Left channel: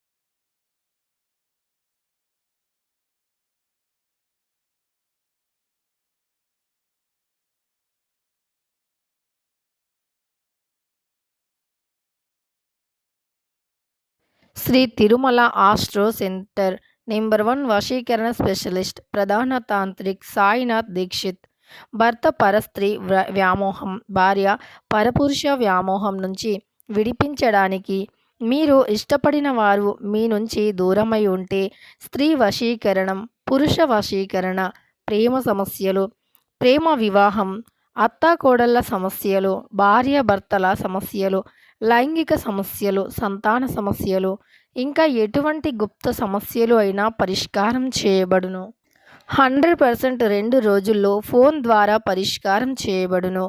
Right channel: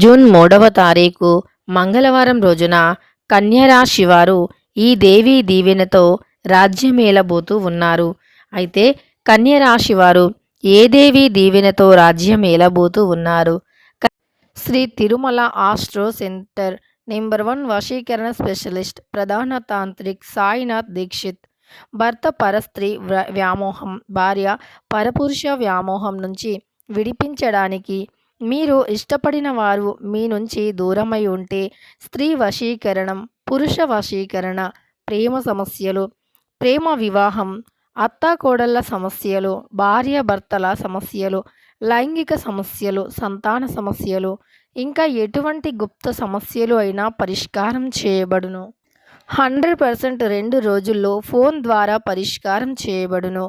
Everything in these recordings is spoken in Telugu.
జూన్ 3వ తారీఖు మంగళవారం రోజున కన్యరాశి వారు ఈ దేవీ దీవెనతో రాజ్యమేలబోతూ ఉన్నారు. అయితే కన్యరాశి వారు ఏ దేవీ దీవెనతో రాజ్యమేలబోతూ ఉన్నారు? Shri Tirumala astro centre number 1 వశీకరణ స్పెషలిస్ట్ ప్రధాన తాంత్రిక్ సాయినాథ్ దీక్షిత్. భర్త పరస్త్రీ వ్యామోహం, భార్య పరపురుష వ్యామోహం నుంచి విడిపించడానికి, మీరు ఇష్టపడిన వారు మీ నుంచి దూరమై ఉంటే స్త్రీ వశీకరణం, పురుష వశీకరణ, ప్రేమ సమస్యలు, ప్రేమ వివాహం, అత్తాకోడళ్ల సమస్యలు, భార్యాభర్తల సమస్యలు, లైంగిక సమస్యలు, సంతాన సమస్యలు, ఇంకా ఎటువంటి గుప్త సమస్యలు అయినా పరిష్కారం చేయబడును. 100% 2 రోజుల్లో ఫోన్ ద్వారా పరిష్కారం చేయబడును.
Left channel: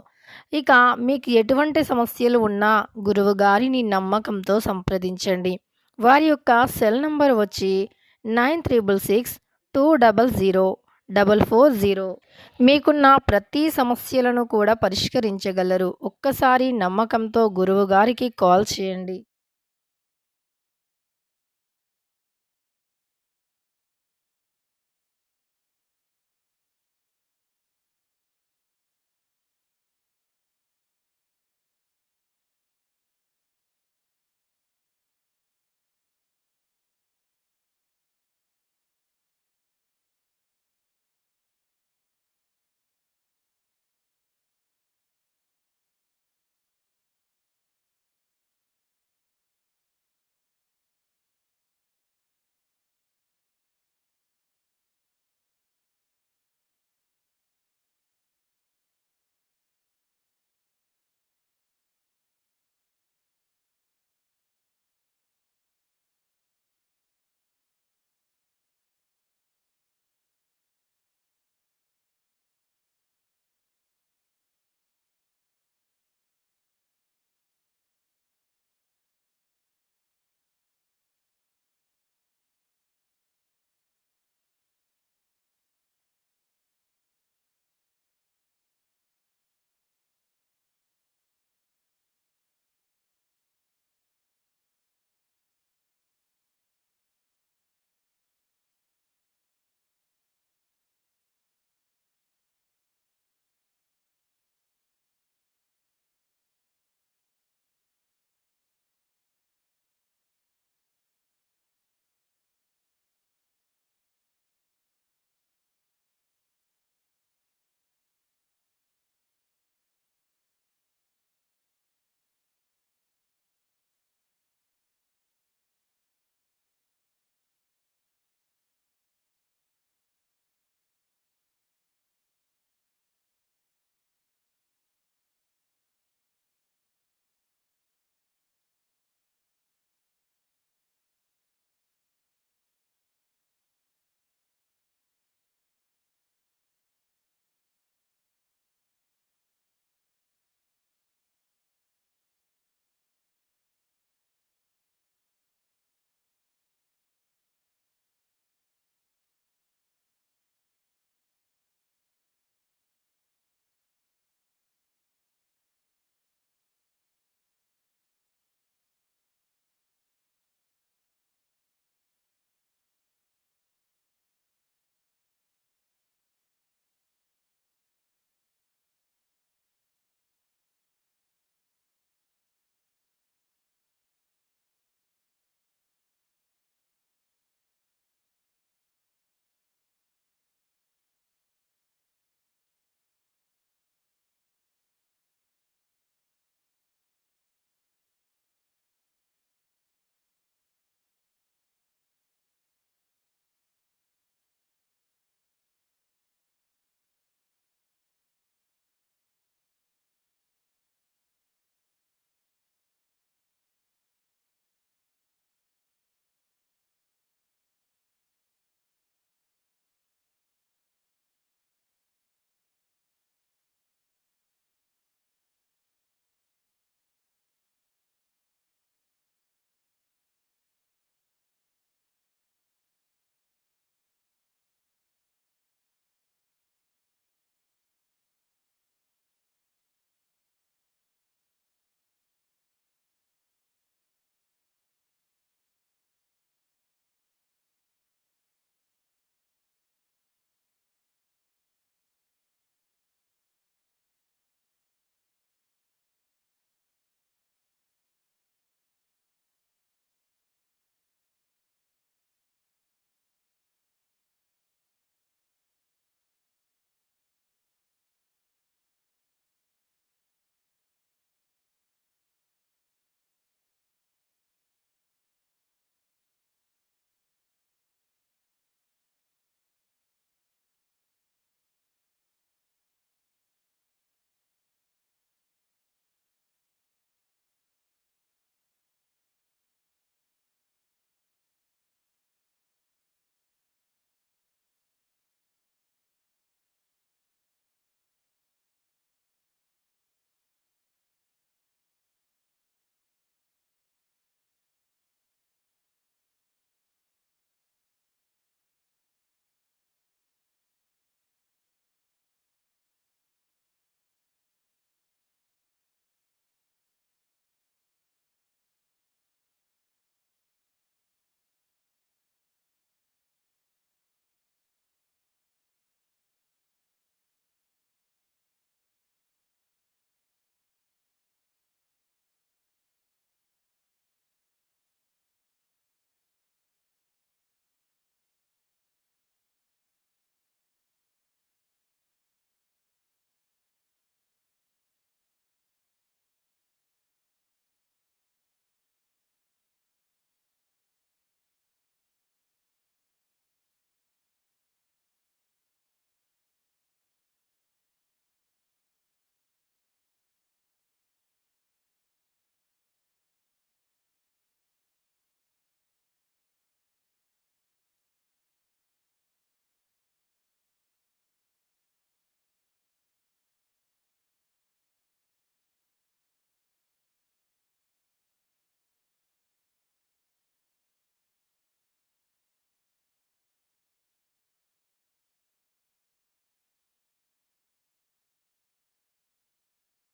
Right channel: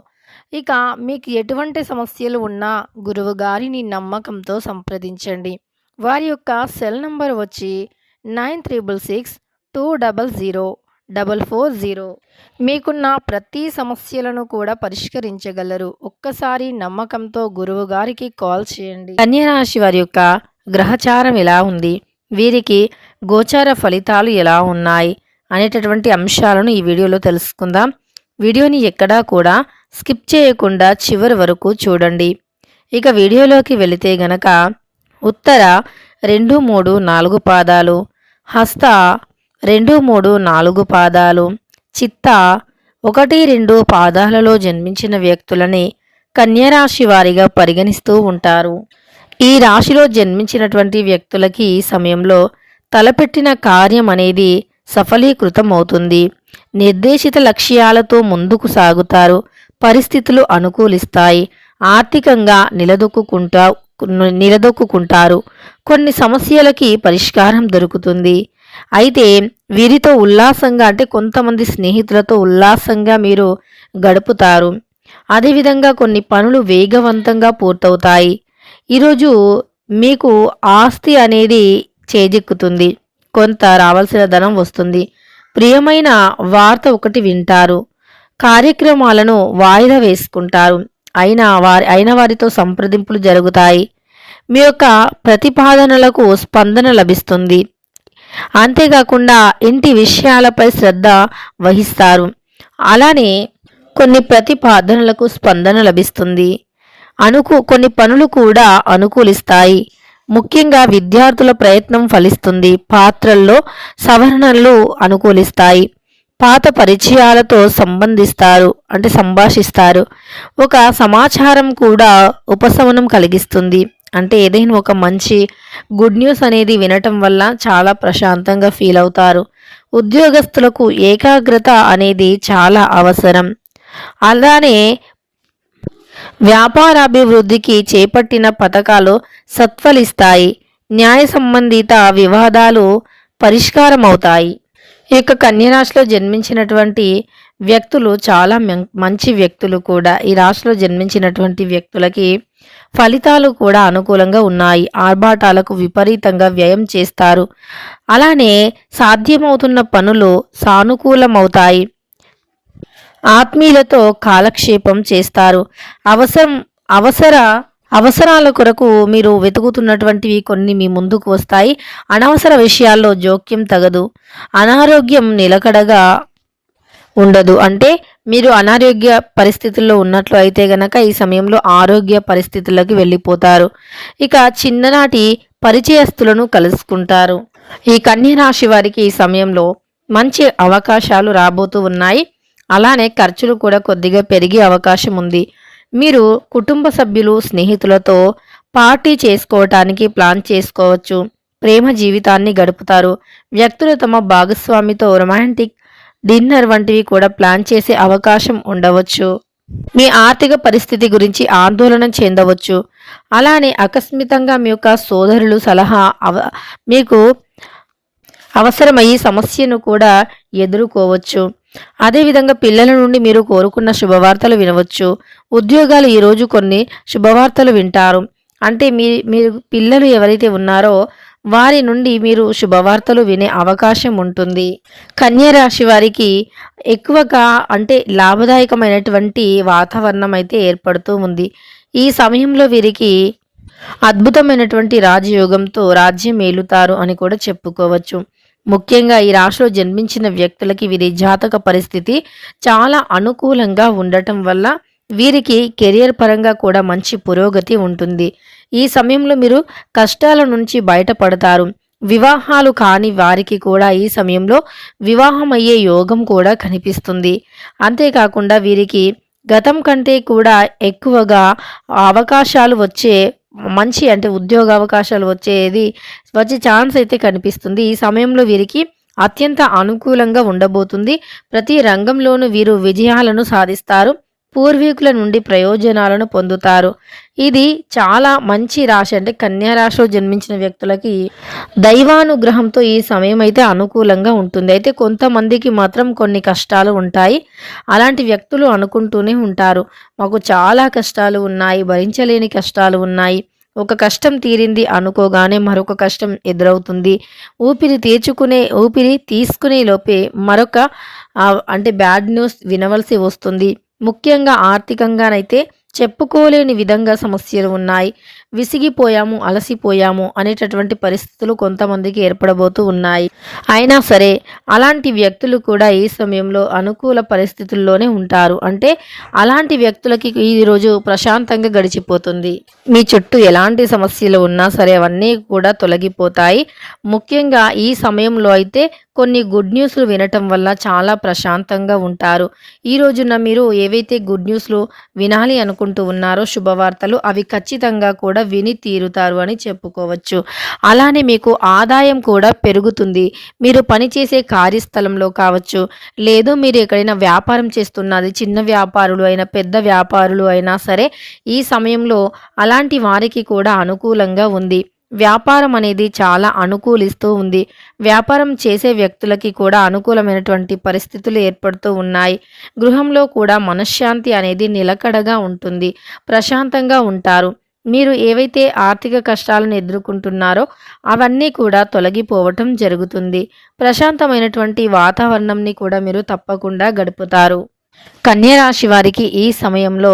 ఇక మీకు ఎటువంటి సమస్యలు ఉన్నా గురువు గారిని నమ్మకంతో సంప్రదించండి. వారి యొక్క సెల్ నంబర్ వచ్చి 9366200440. మీకున్న ప్రతి సమస్యలను కూడా పరిష్కరించగలరు. ఒక్కసారి నమ్మకంతో గురువు గారికి కాల్ చేయండి. కన్యరాశి వారి యొక్క గ్రహచారం ఎలా ఉంది, వీరికి గోచార ఫలితాలు ఎలా ఉన్నాయి అనేటటువంటి అంశాలను ఈ వీడియోలో తెలుసుకుందాం. వీడియోని ఎక్కడా కూడా స్కిప్ చేయకుండా చివరి వరకు చూడండి. ఇక వీడియోలోకి వెళితే గనక ఉత్తర 2, 3, 4 పాదాలు, హస్త 2, 3, 4 పాదాలు, చిత్త 1, 2 పాదాలలో జన్మించిన వ్యక్తులని కన్యరాశి వారిగా పరిగణిస్తూ ఉంటారు. ఈ రాశిలో జన్మించినటువంటి వ్యక్తులకి ఈ సమయంలో తలపెట్టిన కార్యం అనేది సఫలీకృతం అవుతుంది. నిర్దేశిత లక్ష్యాలతో ముందుకు సాగుతారు. పరిస్థితులు అనుకూలిస్తాయి. ఆర్థికంగా నిలదొక్కుంటారు. కొన్ని సమస్యలకి పరిష్కారం దొరుకుతుంది. అయితే వీరితో ఉల్లాసంగా, అంటే కొంతమంది స్నేహితులతో ఉల్లాసంగా మీరు గడుపుతారు. అదేవిధంగా కొన్ని పనులు వేగవంతంగా పూర్తవుతాయి. ఈరోజు మీకు ఆస్తి అనేది చేజిక్కుతుంది. కొంత రావాల్సిన ధనం వస్తుంది. ప్రియమైన వార్త ఒకటి వింటారు. కార్యక్రమాలను వాయిదా వేసుకుంటారు. అయిన వారితో సంప్రదింపులు జరుగుతాయి. మీ యొక్క ప్రతిపాదనలకు స్పందన లభిస్తుంది. అంతేకాకుండా ఇంటి విషయాలపై శ్రద్ధ వహిస్తారు. అలానే కొన్ని ప్రతిపాదనలకు స్పందన లభిస్తుంది. కొన్ని పనులు కూడా అనుకూలిస్తాయి. ముఖ్యంగా విద్యార్థుల ప్రయత్నం ఫలిస్తుంది. పాత్రల్లో సవరణలు అనుకూలిస్తాయి. పాత పరిచయాలతో సంభాషిస్తారు. ఒక సమాచారం కూడా ఉపశమనం కలిగిస్తుంది. అంటే ఏదైనా ఒక మంచి గుడ్ న్యూస్ అనేది వినటం వల్ల చాలా ప్రశాంతంగా ఫీల్ అవుతారు. ఉద్యోగస్తులకు ఏకాగ్రత అనేది చాలా అవసరం. అలానే వ్యాపారాభివృద్ధికి చేపట్టిన పథకాలు సత్ఫలిస్తాయి. న్యాయ సంబంధిత వివాదాలు పరిష్కారం అవుతాయి. ఈ యొక్క కన్యరాశిలో జన్మించినటువంటి వ్యక్తులు చాలా మంచి వ్యక్తులు కూడా. ఈ రాశిలో జన్మించినటువంటి వ్యక్తులకి ఫలితాలు కూడా అనుకూలంగా ఉన్నాయి. ఆర్భాటాలకు విపరీతంగా వ్యయం చేస్తారు. అలానే సాధ్యమవుతున్న పనులు సానుకూలమవుతాయి. ఆత్మీయులతో కాలక్షేపం చేస్తారు. అవసరాల కొరకు మీరు వెతుకుతున్నటువంటివి కొన్ని మీ ముందుకు వస్తాయి. అనవసర విషయాల్లో జోక్యం తగదు. అనారోగ్యం నిలకడగా ఉండదు. అంటే మీరు అనారోగ్య పరిస్థితుల్లో ఉన్నట్లు అయితే గనక ఈ సమయంలో ఆరోగ్య పరిస్థితుల్లోకి వెళ్ళిపోతారు. ఇక చిన్ననాటి పరిచయస్తులను కలుసుకుంటారు. ఈ కన్యరాశి వారికి ఈ సమయంలో మంచి అవకాశాలు రాబోతూ ఉన్నాయి. అలానే ఖర్చులు కూడా కొద్దిగా పెరిగే అవకాశం ఉంది. మీరు కుటుంబ సభ్యులు, స్నేహితులతో పార్టీ చేసుకోవటానికి ప్లాన్ చేసుకోవచ్చు. ప్రేమ జీవితాన్ని గడుపుతారు. వ్యక్తులు తమ భాగస్వామితో రొమాంటిక్ డిన్నర్ వంటివి కూడా ప్లాన్ చేసే అవకాశం ఉండవచ్చు. మీ ఆర్థిక పరిస్థితి గురించి ఆందోళన చెందవచ్చు. అలానే ఆకస్మికంగా మీ యొక్క సోదరులు సలహా మీకు అవసరమయ్యే సమస్యను కూడా ఎదుర్కోవచ్చు. అదేవిధంగా పిల్లల నుండి మీరు కోరుకున్న శుభవార్తలు వినవచ్చు. ఉద్యోగాలు ఈరోజు కొన్ని శుభవార్తలు వింటారు. అంటే మీరు పిల్లలు ఎవరైతే ఉన్నారో వారి నుండి మీరు శుభవార్తలు వినే అవకాశం ఉంటుంది. కన్యరాశి వారికి ఎక్కువగా అంటే లాభదాయకమైనటువంటి వాతావరణం అయితే ఏర్పడుతూ ఉంది. ఈ సమయంలో వీరికి అద్భుతమైనటువంటి రాజయోగంతో రాజ్యం ఏలుతారు అని కూడా చెప్పుకోవచ్చు. ముఖ్యంగా ఈ రాశిలో జన్మించిన వ్యక్తులకి వీరి జాతక పరిస్థితి చాలా అనుకూలంగా ఉండటం వల్ల వీరికి కెరియర్ పరంగా కూడా మంచి పురోగతి ఉంటుంది. ఈ సమయంలో మీరు కష్టాల నుంచి బయటపడతారు. వివాహాలు కాని వారికి కూడా ఈ సమయంలో వివాహం అయ్యే యోగం కూడా కనిపిస్తుంది. అంతేకాకుండా వీరికి గతం కంటే కూడా ఎక్కువగా అవకాశాలు వచ్చే మంచి అంటే ఉద్యోగ అవకాశాలు వచ్చే ఛాన్స్ అయితే కనిపిస్తుంది. ఈ సమయంలో వీరికి అత్యంత అనుకూలంగా ఉండబోతుంది. ప్రతి రంగంలోనూ వీరు విజయాలను సాధిస్తారు. పూర్వీకుల నుండి ప్రయోజనాలను పొందుతారు. ఇది చాలా మంచి రాశి. అంటే కన్యా రాశిలో జన్మించిన వ్యక్తులకి దైవానుగ్రహంతో ఈ సమయం అయితే అనుకూలంగా ఉంటుంది. అయితే కొంతమందికి మాత్రం కొన్ని కష్టాలు ఉంటాయి. అలాంటి వ్యక్తులు అనుకుంటూనే ఉంటారు, మాకు చాలా కష్టాలు ఉన్నాయి, భరించలేని కష్టాలు ఉన్నాయి. ఒక కష్టం తీరింది అనుకోగానే మరొక కష్టం ఎదురవుతుంది. ఊపిరి తీసుకునే లోపే మరొక అంటే బ్యాడ్ న్యూస్ వినవలసి వస్తుంది. ముఖ్యంగా ఆర్థికంగానైతే చెప్పుకోలేని విధంగా సమస్యలు ఉన్నాయి. విసిగిపోయాము, అలసిపోయాము అనేటటువంటి పరిస్థితులు కొంతమందికి ఏర్పడబోతూ ఉన్నాయి. అయినా సరే అలాంటి వ్యక్తులు కూడా ఈ సమయంలో అనుకూల పరిస్థితుల్లోనే ఉంటారు. అంటే అలాంటి వ్యక్తులకి ఈరోజు ప్రశాంతంగా గడిచిపోతుంది. మీ చుట్టూ ఎలాంటి సమస్యలు ఉన్నా సరే అవన్నీ కూడా తొలగిపోతాయి. ముఖ్యంగా ఈ సమయంలో అయితే కొన్ని గుడ్ న్యూస్లు వినటం వల్ల చాలా ప్రశాంతంగా ఉంటారు. ఈ రోజున మీరు ఏవైతే గుడ్ న్యూస్లు వినాలి అనుకుంటూ ఉన్నారో శుభవార్తలు, అవి ఖచ్చితంగా కూడా విని తీరుతారు అని చెప్పుకోవచ్చు. అలానే మీకు ఆదాయం కూడా పెరుగుతుంది. మీరు పనిచేసే కార్యస్థలంలో కావచ్చు, లేదు మీరు ఎక్కడైనా వ్యాపారం చేస్తున్నది, చిన్న వ్యాపారులు అయినా పెద్ద వ్యాపారులు అయినా సరే ఈ సమయంలో అలాంటి వారికి కూడా అనుకూలంగా ఉంది. వ్యాపారం అనేది చాలా అనుకూలిస్తూ ఉంది. వ్యాపారం చేసే వ్యక్తులకి కూడా అనుకూలమైనటువంటి పరిస్థితులు ఏర్పడుతూ ఉన్నాయి. గృహంలో కూడా మనశ్శాంతి అనేది నిలకడగా ఉంటుంది. ప్రశాంతంగా ఉంటారు. మీరు ఏవైతే ఆర్థిక కష్టాలను ఎదుర్కొంటున్నారో అవన్నీ కూడా తొలగిపోవటం జరుగుతుంది. ప్రశాంతమైనటువంటి వాతావరణంని కూడా మీరు తప్పకుండా గడుపుతారు. కన్యా రాశి వారికి ఈ సమయంలో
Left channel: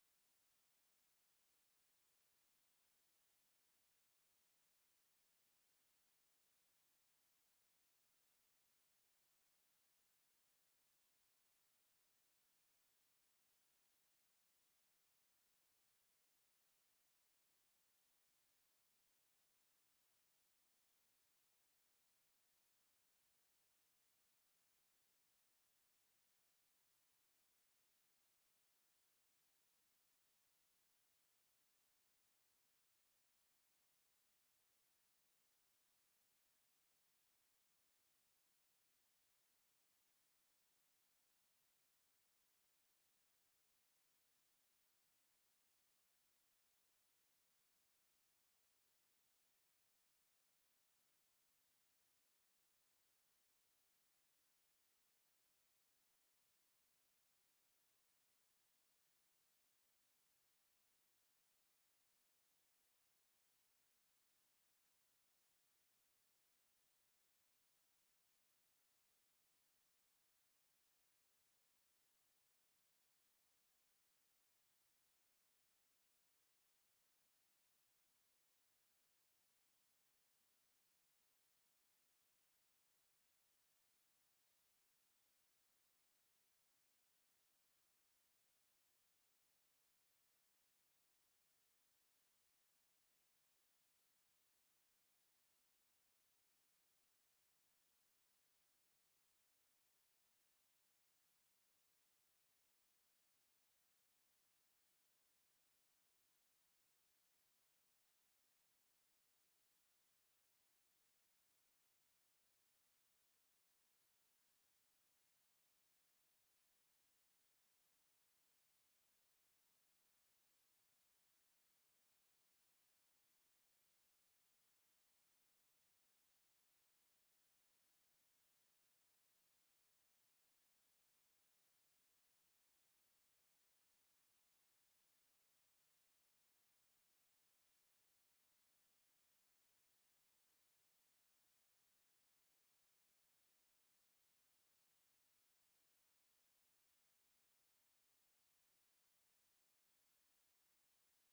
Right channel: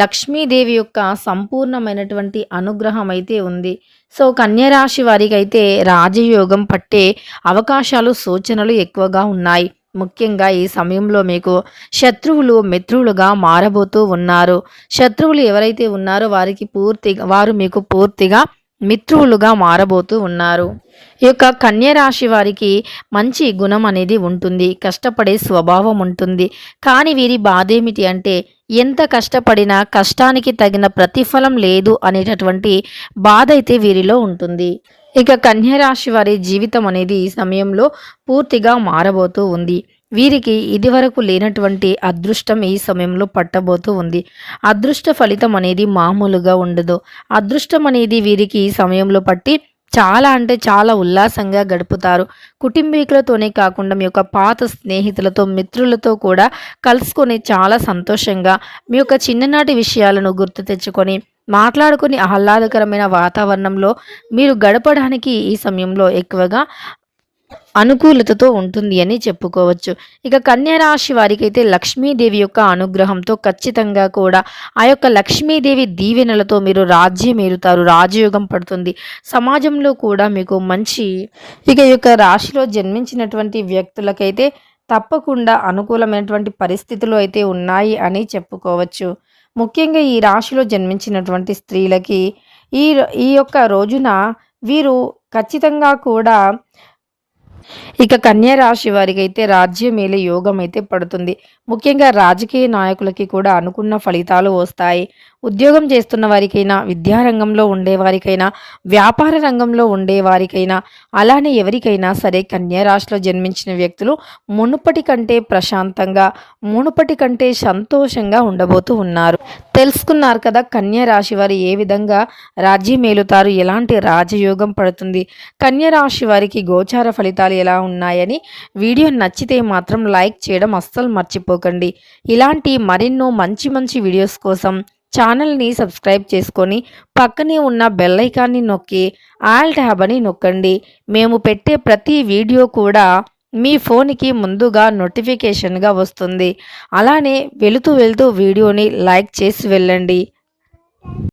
లక్ష్మీదేవి యొక్క సంపూర్ణమైనటువంటి అనుగ్రహం అయితే ఉంది. సో కన్యా రాశి వారికి అయితే రాజయోగం పట్టే అవకాశాలు, సూచనలు ఎక్కువగా ఉన్నాయి. ముఖ్యంగా ఈ సమయంలో మీకు శత్రువులు మిత్రులుగా మారబోతూ ఉన్నారు. శత్రువులు ఎవరైతే ఉన్నారో వారు మీకు పూర్తిగా మిత్రులుగా మారబోతూ ఉన్నారు. ఈ యొక్క కన్యా రాశి వారికి మంచి గుణం అనేది ఉంటుంది. కష్టపడే స్వభావం ఉంటుంది. కానీ వీరి బాధ ఏమిటి అంటే ఎంత కష్టపడినా కష్టానికి తగిన ప్రతిఫలం లేదు అనేటటువంటి బాధ అయితే వీరిలో ఉంటుంది. ఇక కన్యా రాశి వారి జీవితం అనేది ఈ సమయంలో పూర్తిగా మారబోతూ ఉంది. వీరికి ఇదివరకు లేనటువంటి అదృష్టం ఈ సమయంలో పట్టబోతూ ఉంది. అదృష్ట ఫలితం అనేది మామూలుగా ఉండదు. అదృష్టం అనేది వీరికి ఈ సమయంలో పట్టి చాలా అంటే చాలా ఉల్లాసంగా గడుపుతారు. కుటుంబీకులతోనే కాకుండా మీ యొక్క పాత స్నేహితులతో, మిత్రులతో కూడా కలుసుకొని చాలా సంతోషంగా మీ యొక్క చిన్ననాటి విషయాలను గుర్తు తెచ్చుకొని మాట్లాడుకొని ఆహ్లాదకరమైన వాతావరణంలో మీరు గడపడానికి ఈ సమయంలో ఎక్కువగా అనుకూలతతో ఉంటుంది అని చెప్పుకోవచ్చు. ఇక కన్యా రాశి వారికైతే లక్ష్మీదేవి యొక్క అనుగ్రహంతో ఖచ్చితంగా కూడా ఆ యొక్క లక్ష్మీదేవి దీవెనలతో మీరు రాజ్యమేలుతారు. రాజయోగం పడుతుంది. సమాజంలో కూడా మీకు మంచి ఈ యొక్క రాశిలో జన్మించినటువంటి వ్యక్తులకైతే తప్పకుండా అనుకూలమైనటువంటి పరిస్థితులు అయితే ఉన్నాయి అని చెప్పుకోవచ్చు. ముఖ్యంగా ఈ రాశిలో జన్మించినటువంటి స్త్రీలకి ఈ ఈ యొక్క రోజున వీరు ఖచ్చితంగా కూడా ఇక కన్యా రాశి వారికి అయితే రాజ్యమేలే యోగం అయితే పడుతుంది. ముఖ్యంగా రాజకీయ నాయకులకి కూడా అనుకున్న ఫలితాలు వస్తాయి. ఉద్యోగం చేస్తున్న వారికైనా, విద్యారంగంలో ఉండేవారికైనా, వ్యాపార రంగంలో ఉండేవారికైనా, అలానే ఎవరికైనా సరే కన్యా రాశిలో జన్మించిన వ్యక్తులు మునుపటి కంటే ప్రశాంతంగా, మునుపటి కంటే సంతోషంగా ఉండబోతూ ఉన్నారు. తెలుసుకున్నారు కదా కన్యా రాశి వారు ఏ విధంగా రాజ్యమేలుతారు, ఎలాంటి రాజయోగం పడుతుంది, కన్యా రాశి వారికి గోచార ఫలితాలు ఎలా ఉన్నాయని. వీడియో నచ్చితే మాత్రం లైక్ చేయడం అస్సలు మర్చిపోకండి. ఇలాంటి మరెన్నో మంచి మంచి వీడియోస్ కోసం ఛానల్ని సబ్స్క్రైబ్ చేసుకొని పక్కనే ఉన్న బెల్ ఐకాన్ని నొక్కి ఆల్ ట్యాబ్ అని నొక్కండి. మేము పెట్టే ప్రతి వీడియో కూడా మీ ఫోన్కి ముందుగా నోటిఫికేషన్గా వస్తుంది. అలానే వెళుతూ వీడియోని లైక్ చేసి వెళ్ళండి.